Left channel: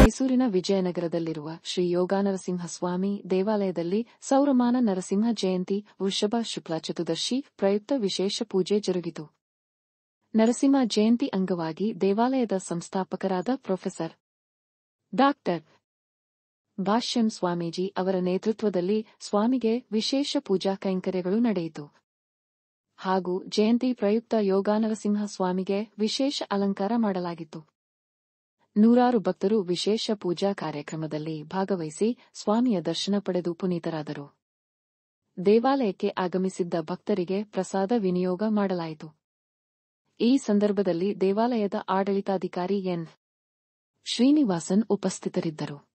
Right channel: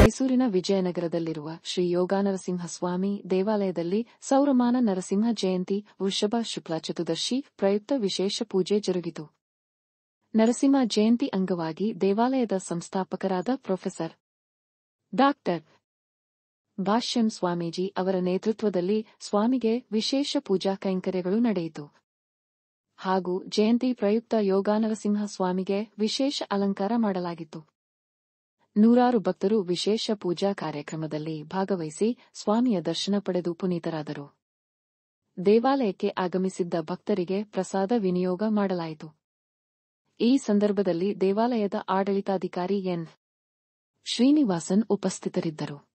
ಮೈಸೂರಿನ ವಿಜಯನಗರದಲ್ಲಿರುವ ಶ್ರೀ ಯೋಗಾನರಸಿಂಹಸ್ವಾಮಿ ದೇವಾಲಯದಲ್ಲಿ ಸೌರಮಾನ ನರಸಿಂಹ ಜಯಂತಿ ವೃಷಭ ಶುಕ್ಲ ಚತುರ್ದಶಿ ಪ್ರಯುಕ್ತ ವಿಶೇಷ ಪೂಜೆ ಜರುಗಿತು. ನರಸಿಂಹ ಜಯಂತಿ ಅಂಗವಾಗಿ ದೇವಾಲಯದ ಸಂಸ್ಥಾಪಕರಾದ ಪ್ರೊಫೆಸರ್ ಡಾ. ಭಾಷ್ಯಂ ಸ್ವಾಮೀಜಿ ಅವರ ನೇತೃತ್ವದಲ್ಲಿ ಸ್ವಾಮಿಗೆ ವಿಶೇಷ ಪೂಜಾ ಕೈಂಕರ್ಯಗಳು ನಡೆಯಿತು. ಹಾಗೂ ಜಯಂತಿ ಪ್ರಯುಕ್ತ ಯೋಗಾನರಸಿಂಹ ಸ್ವಾಮಿಗೆ ವಿಶೇಷ ಅಲಂಕಾರ ಮಾಡಲಾಗಿತ್ತು. ನೂರಾರು ಭಕ್ತರು ವಿಶೇಷ ಪೂಜಾ ಕಾರ್ಯಕ್ರಮದಲ್ಲಿ ಭಾಗವಹಿಸಿ ಸ್ವಾಮಿಯ ದರ್ಶನ ಪಡೆದು ಪುನೀತರಾದರು. ದೇವಾಲಯಕ್ಕೆ ಆಗಮಿಸಿದ್ದ ಭಕ್ತರಿಗೆ ಪ್ರಸಾದ ವಿನಿಯೋಗ ಮಾಡಲಾಯಿತು. ಈ ಸಂದರ್ಭದಲ್ಲಿ ದೇವಾಲಯದ ಆಡಳಿತಾಧಿಕಾರಿ ಎನ್. ಶ್ರೀನಿವಾಸನ್ ಉಪಸ್ಥಿತರಿದ್ದರು.